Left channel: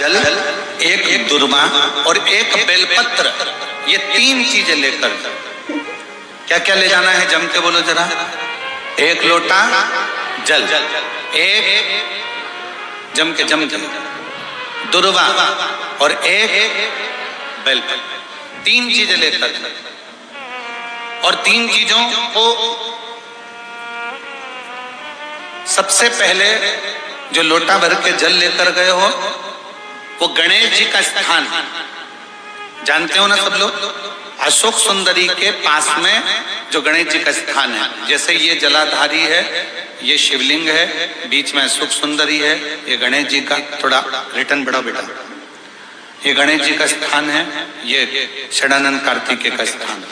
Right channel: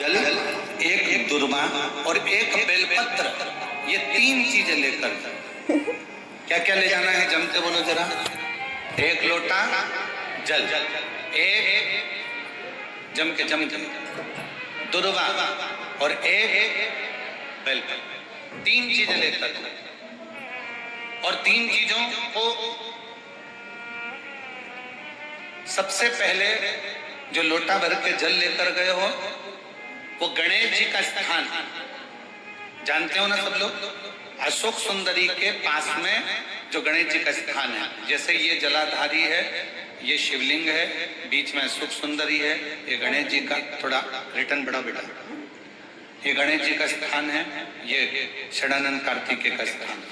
जल, एक दुर्वा और एक बेलपत्र, ये तीन चीजें लेकर क्या क्या ले जाना है? जम के बोलो जरा। एक लोटा जल, एक जम के दुर्वा और एक बेलपत्र, तीन चीजें लेकर। और तीन चीजों को सबसे पहले जो लोटा भर के जल लेकर गए हो वो गणेश जी का स्थान जानते हो ना सब लोग? अशोक सुंदरी के पास में जो गणेश जी का स्थान है, जैसे ये जलाधारी है, ये शिवलिंग है, बीच में अशोक सुंदरी है, ये गणेश जी का, थोड़ा रिटर्न बढ़ाओ बेटा, ये गणेश जी का स्थान है, ये षडानंद कार्तिकेय का स्थान।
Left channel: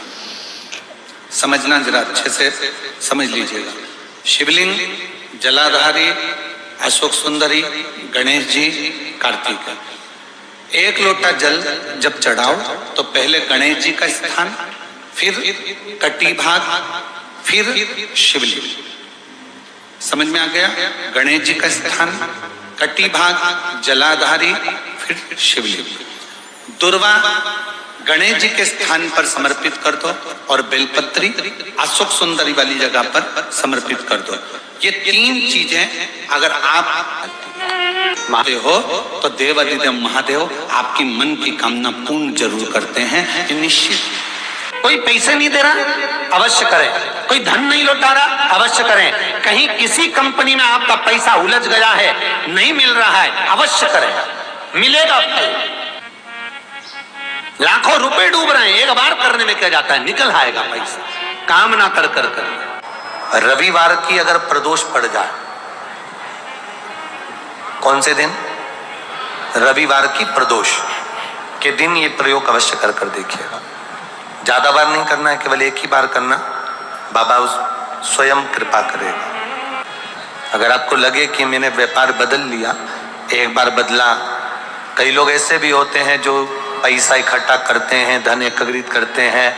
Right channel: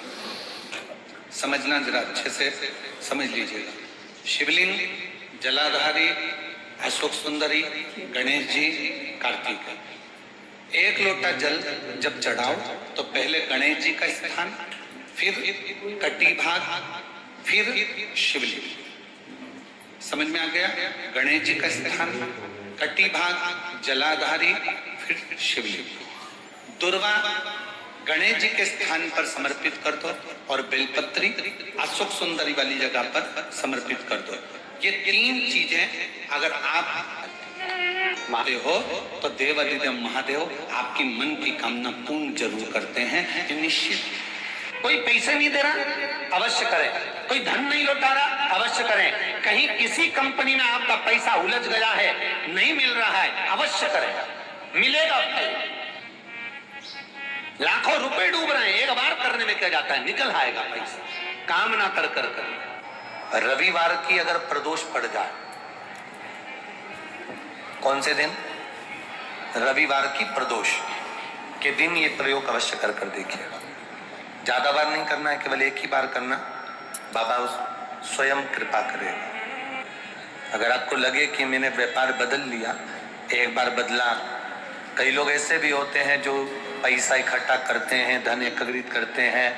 समझना जरा अच्छे से समझ लीजिएगा। शिवलिंग, जलाधारी, अशोक सुंदरी, गणेश जी, कार्तिक। एक लोटा जल जब चढ़ाओ तो पहले गणेश जी का स्थान, फिर कटी भाग, फिर शिवलिंग। समझ में आ गया? गणेश जी का स्थान, कटी भाग, जलाधारी, फिर शिवलिंग। दुर्वा गणेश जी के स्थान पर समर्पित कर दो और बेलपत्री अशोक सुंदरी वाली जगह पर समर्पित कर दो। ये तीन चीजें अगर आप महादेव हो तो देव अधिदेव महादेव आपकी मन की कामना पूर्ण जरूर करते हैं, ये निश्चित। कोई पैसे नहीं दे रहा, अवश्य करें। कोई धन नहीं लौटा रहा, अवश्य करें। कहीं किसी कंपनी में आपका पैसा उलझ गया है, नहीं मिल रहा है, अवश्य करें, मिलेगा फल। लाखों रुपए डूब रहे हैं, एक बार करने में क्या जाता है, निकल आएगा पैसा। कामना कर कर कर। रविवार की अगर प्रदोष पड़ जाए, कौन से दिन? रविवार की प्रदोष के दिन ये प्रयोग अवश्य कर कर देखिएगा। ज्यादा बार नहीं करना है, केवल एक ही बार करना, बाबा उस स्वयं कृपा करेगा। अगर आपको लगे कि मैंने व्यापार बदल लिया, एक बार बदला। कई लोग ऐसे भी होते हैं जो पैसा इकट्ठा करते हैं, धन एकत्रित करते हैं,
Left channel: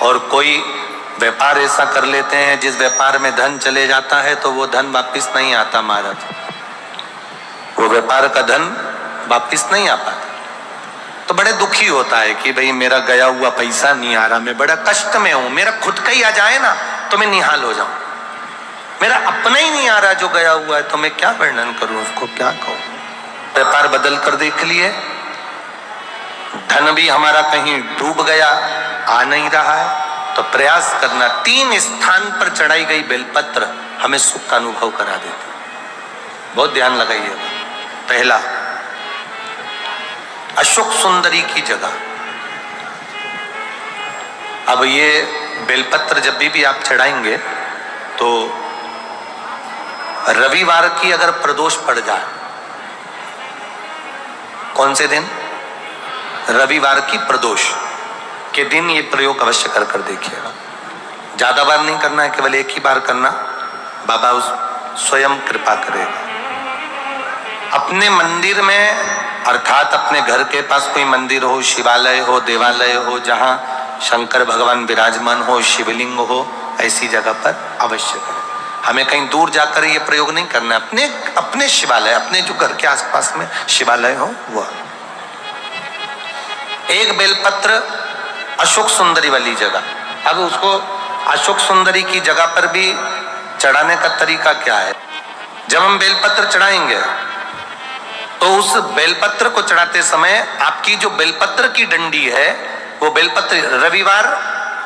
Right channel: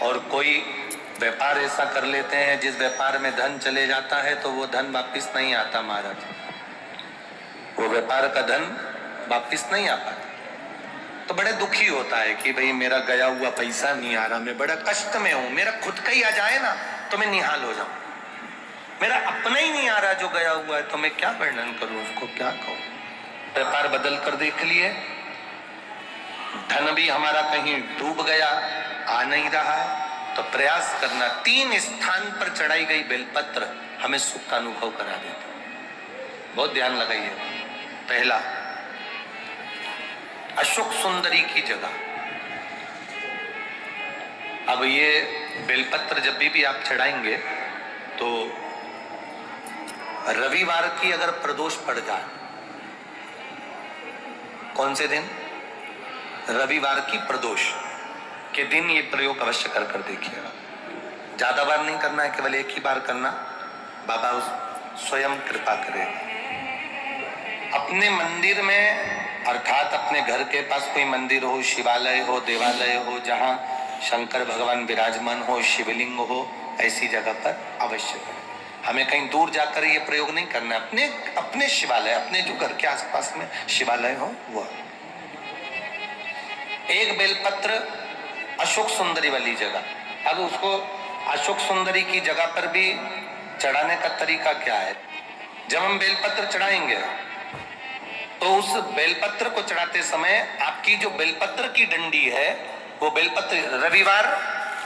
और कोई व्यापार ऐसा कर लेते हैं जिस व्यापार में धन चले जाता है तो वो धन वापिस नहीं आता महाराज, वो व्यापार का धन वापिस नहीं आ पाता। तो बड़े दुखी होता है कि भाई मेरा गया हुआ पैसा नहीं आ रहा, मैं बड़ा कष्ट में हूं, मेरा खुद का ही आ जाए ना तो मैं निहाल हो जाऊं, मेरा अपना ही नहीं आ रहा जो गया हुआ है, तो मैं क्या वर्णन करूं, उसको क्या कहूं। व्यापार बदल कर देख लिए, धन भी हमारा कहीं डूब गया, आ नहीं रहा है, तो प्रयास करना। तीन स्थान पर चढ़ाई गई बेलपत्र हमें सुख का अनुभव करा देती, बहुत ध्यान लगाइएगा। पहला, अशोक सुंदरी की जगह। अब ये बेलपत्र जब भी आप चढ़ाएंगे तो रविवार की अगर प्रदोष पड़ जाए, कौन से दिन? रविवार की प्रदोष के दिन ये प्रयोग अवश्य कर कर देखिएगा। ज्यादा बार नहीं करना है, केवल एक ही बार करना, बाबा उस स्वयं कृपा करेगा। अपने मंदिर में, अर्थात अपने घर के पास कोई मंदिर हो, शिवालय हो, देवालय हो, जहां शंकर भगवान विराजमान हो, शिवलिंग हो, ऐसी जगह पर अवश्य करें। हमें कहीं दूर जाकर ये प्रयोग नहीं करना, अपने शिवालय, अपने जो घर के आसपास में शिवालय हो वह। एक बेलपत्र अशोक सुंदरी वाली जगह। अब उसको अशोक सुंदरी की जगह पर भी चढ़ाने का तरीका क्या है? जब हम बेलपत्र चढ़ाएंगे तो उस बेलपत्र को चढ़ाते समय आपकी जो बेलपत्र की डंडी है, वो बेलपत्र, रविवार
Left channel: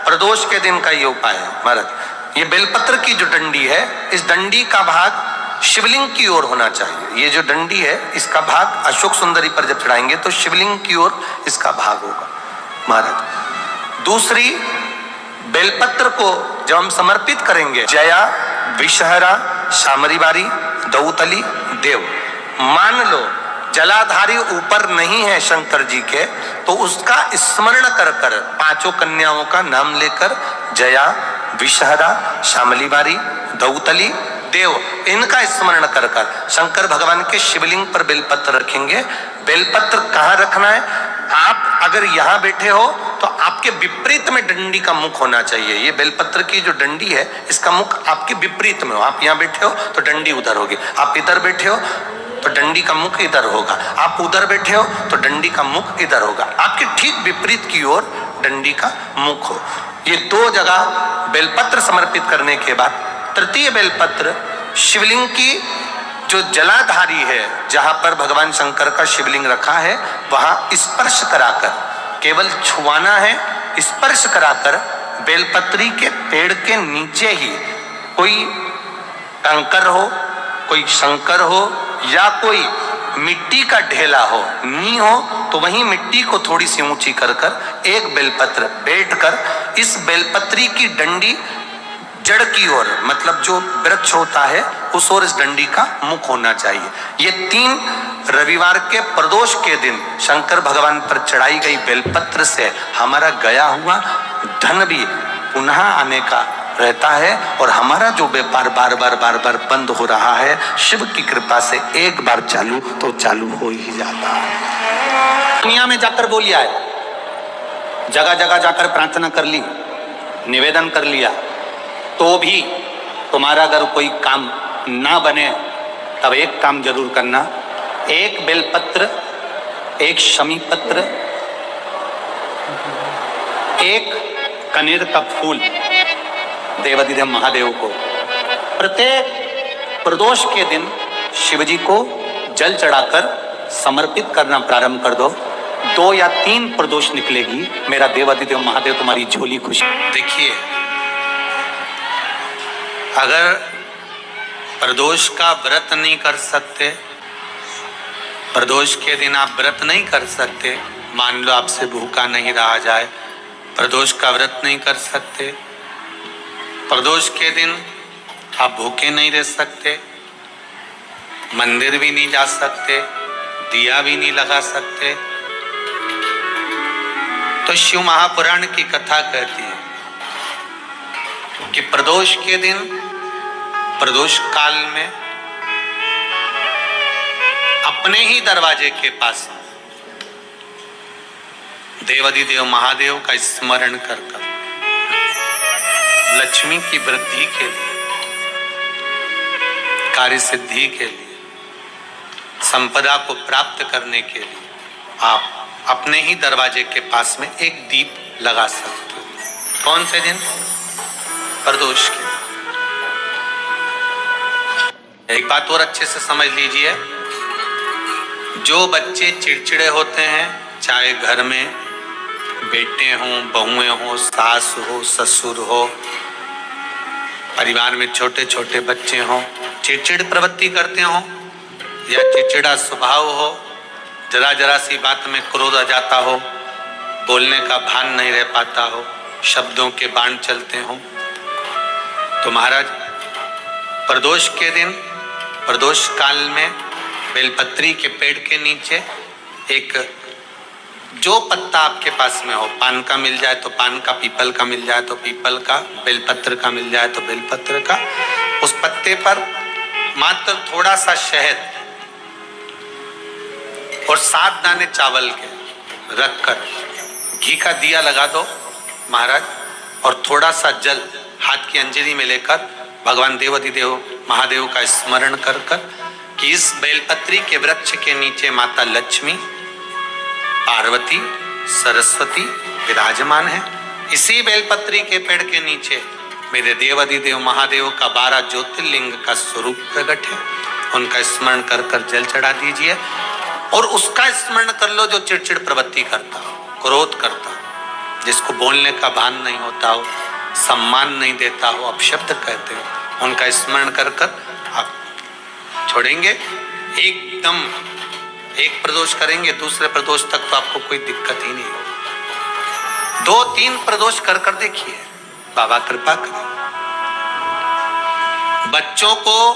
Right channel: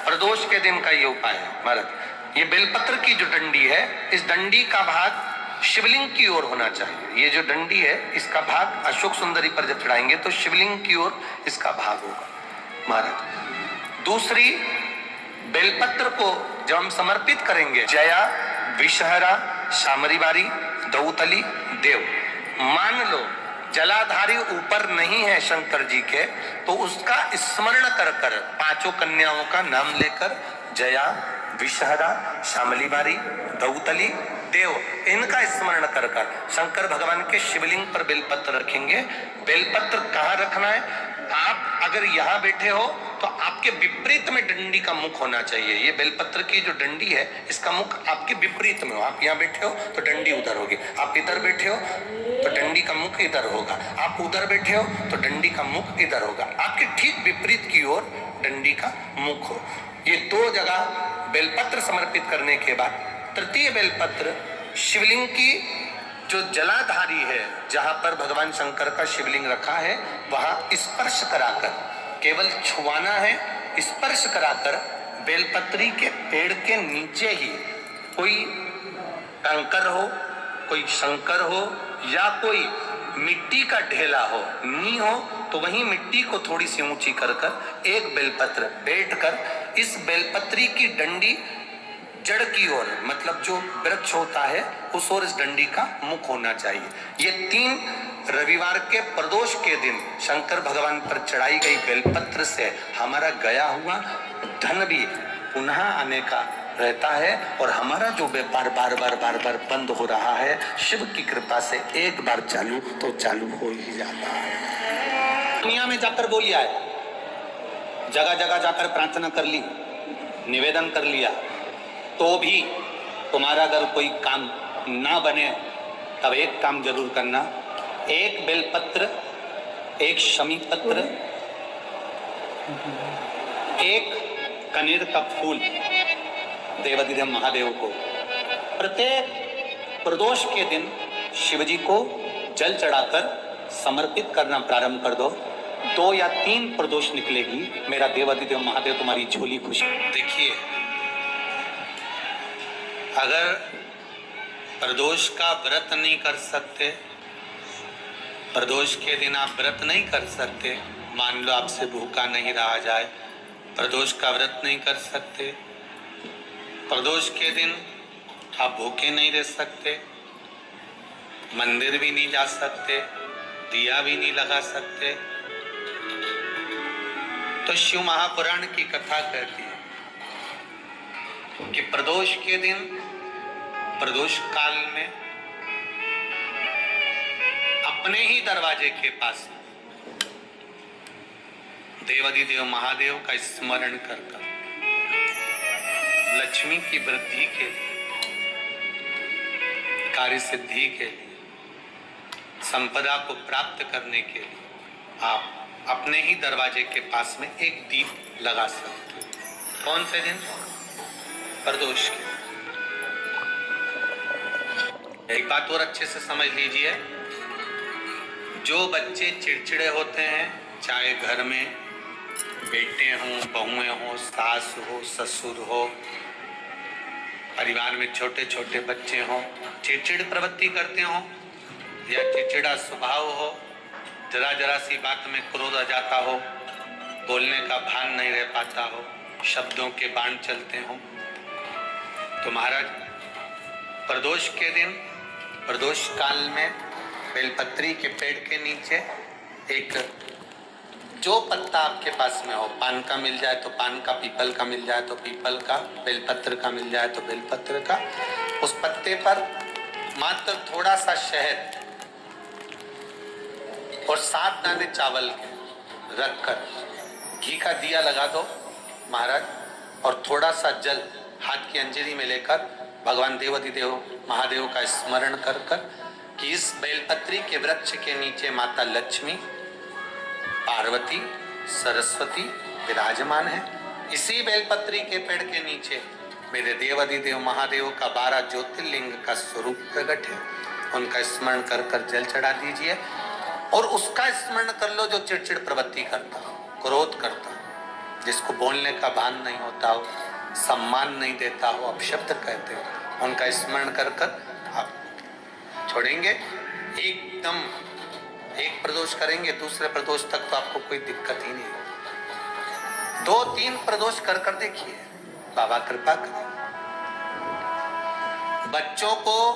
प्रदोष के दिन का ये उपाय है महाराज। ये बेलपत्र की जो डंडी है, इस डंडी का भाग शिवलिंग की ओर होना चाहिए। ये जो डंडी है, इसका भाग अशोक सुंदरी पर जब चढ़ाएंगे तो शिवलिंग की ओर इसका भाग होगा महाराज। दूसरी, बेलपत्र को जब हम समर्पित करेंगे, जया, विषहरा, शामरीबारी, दौतली, देव, मान लो जलाधारी ऊपर नहीं है शंकर जी के, तो उसका स्मरण कर कर, पांचों कन्याओं का नाम लेकर, जया, विषहरा, शामलीबारी, दौतली, देव, इनका स्मरण कर कर शंकर भगवान के शिवलिंग पर बेलपत्र रखेंगे। बेलपत्र कहाँ रखना है? आप अगर यहाँ बैठे हो तो आपके विपरीत में डंडी का मुख होना चाहिए। ये बेलपत्र की जो डंडी है, इसका मुख आपके विपरीत में हो। आप यहाँ बैठे हो तो डंडी उधर होगी, आप इधर बैठे हो तो डंडी का मुख इधर होगा, आप उधर बैठे हो तो डंडी का मुख इधर होगा, आपके ठीक विपरीत की ओर डंडी का मुख हो। ये 2 जगह बेलपत्र समर्पित करने के बाद तृतीय बेलपत्र शिवलिंग की जो जलाधारी है, जहां पर भगवान शंकर का शिवलिंग रखा है, वहां स्पर्श कराकर, केवल छुआना है, स्पर्श कराकर बेलपत्री के पेड़ के नीचे ही कोई कंकर हो, कोई शंकर हो या कोई मिट्टी का ढेला हो, नी हो, तो वहीं मिट्टी को थोड़ी सी ऊंची कर कर एक बेलपत्र बैठकर इस बेलपत्री की डंडी जड़ की ओर, मतलब जो वृक्ष होता है उस ओर इस डंडी का मुख होना चाहिए। ये 3 रविवार के प्रदोष के दिन शंकर भगवान पर चढ़ाई गई बेलपत्र से हमारा गया हुआ धन भी पुनः आने का रहता है और हमारा जो व्यापार बार बार बंद हो रहा है, शिव की कृपा से एक बार चालू तो चालू हो ही जाता है। दुनिया में जाकर बोलिया है, जगह जगह जाकर प्रार्थना कर ली, निवेदन कर लिया, तो भी तुम्हारा अगर कोई काम ना बने तब एक काम जरूर करना, एक बेलपत्र, एक शमी पत्र, एक कनेर का फूल देवाधिदेव महादेव को प्रत्येक प्रदोष के दिन शिवजी को जल चढ़ाकर समर्पित करना प्रारंभ कर दो। 2 या 3 प्रदोष निकलेगी, मेरा देवाधिदेव महादेव तुम्हारी झोली खुश। देखिए, अगर प्रदोष का व्रत नहीं कर सकते, प्रदोष के दिन आप व्रत नहीं कर सकते, मान लो आपसे भूखा नहीं रहा जाए, प्रदोष का व्रत नहीं कर सकते, प्रदोष के दिन आप भूखे नहीं रह सकते, मंदिर भी नहीं जा सकते, दिया भी नहीं लगा सकते, तो शिव महापुराण की कथा कहती है कि प्रदोष के दिन, प्रदोष काल में अपने ही दरवाजे के पास देवाधिदेव महादेव का स्मरण करकर लक्ष्मी की वृद्धि के लिए, कार्य सिद्धि के लिए, संपदा को प्राप्त करने के लिए आप अपने ही दरवाजे के पास में एक दीप लगा सकते हो। कौन से दिन? प्रदोष के। एक बात और अच्छे से समझ लीजिए, जो बच्चे चिड़चिड़े होते हैं, चाहे घर में बेटे हों, बहुएं हों, सास हो, ससुर हो, परिवार में छोटे छोटे बच्चे हों, चिड़चिड़ प्रवृत्ति करते हों या चिड़चिड़ा स्वभाव हो, जरा जरा सी बात में क्रोध आ जाता हो, बोलने का भान नहीं रह पाता हो, शब्दों के बाण चलते हों, तो महाराज प्रदोष के दिन, प्रदोष काल में बेलपत्री के पेड़ के नीचे एक जो पत्ता आपके पास में हो, पान का मिल जाए तो पान का, पीपल का मिल जाए तो पीपल का, बेलपत्र का मिल जाए तो बेलपत्र का, उस पत्ते पर मात्र थोड़ा सा शहद और 7 दाने चावल के रखकर घी का दिया लगा दो महाराज, और थोड़ा सा जल हाथ की अंजलि में लेकर भगवान देवाधिदेव महादेव का स्मरण कर कर कि इस बेलपत्री के वृक्ष के नीचे माता लक्ष्मी, पार्वती, सरस्वती विराजमान है। इसी बेलपत्री के पेड़ के नीचे मेरे देवाधिदेव महादेव का 12 ज्योतिर्लिंग का स्वरूप प्रकट है, उनका स्मरण कर कर जल चढ़ा दीजिए और उसका स्मरण कर लो जो चिड़चिड़ प्रवृत्ति करता हो, क्रोध करता हो, जिसको बोलने का भान नहीं होता हो, सम्मान नहीं देता हो, अपशब्द कहते हो, उनका स्मरण कर कर आप छोड़ेंगे। एकदम एक प्रदोष करेंगे, दूसरे प्रदोष तक तो आपको कोई दिक्कत ही नहीं होगी। 2-3 प्रदोष कर कर देखिए, बाबा कृपा करें। बच्चों को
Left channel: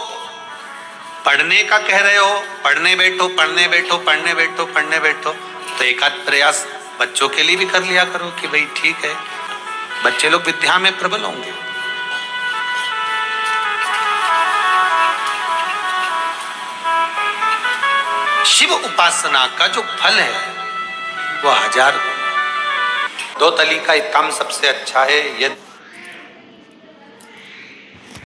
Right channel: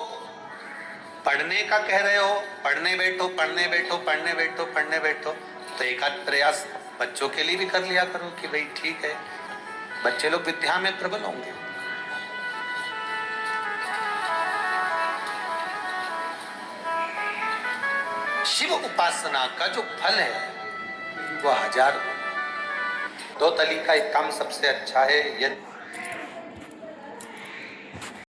पढ़ने का कह रहे हो, पढ़ने बैठो, पढ़ने बैठो, पढ़ने बैठो, पढ़ने बैठो, तो एक आध प्रयास बच्चों के लिए भी कर लिया करो कि भाई ठीक है, बच्चे लोग विद्या में प्रबल होंगे। शिव उपासना का जो फल है वो 1000। 2 तली का एक काम सबसे अच्छा है, यदि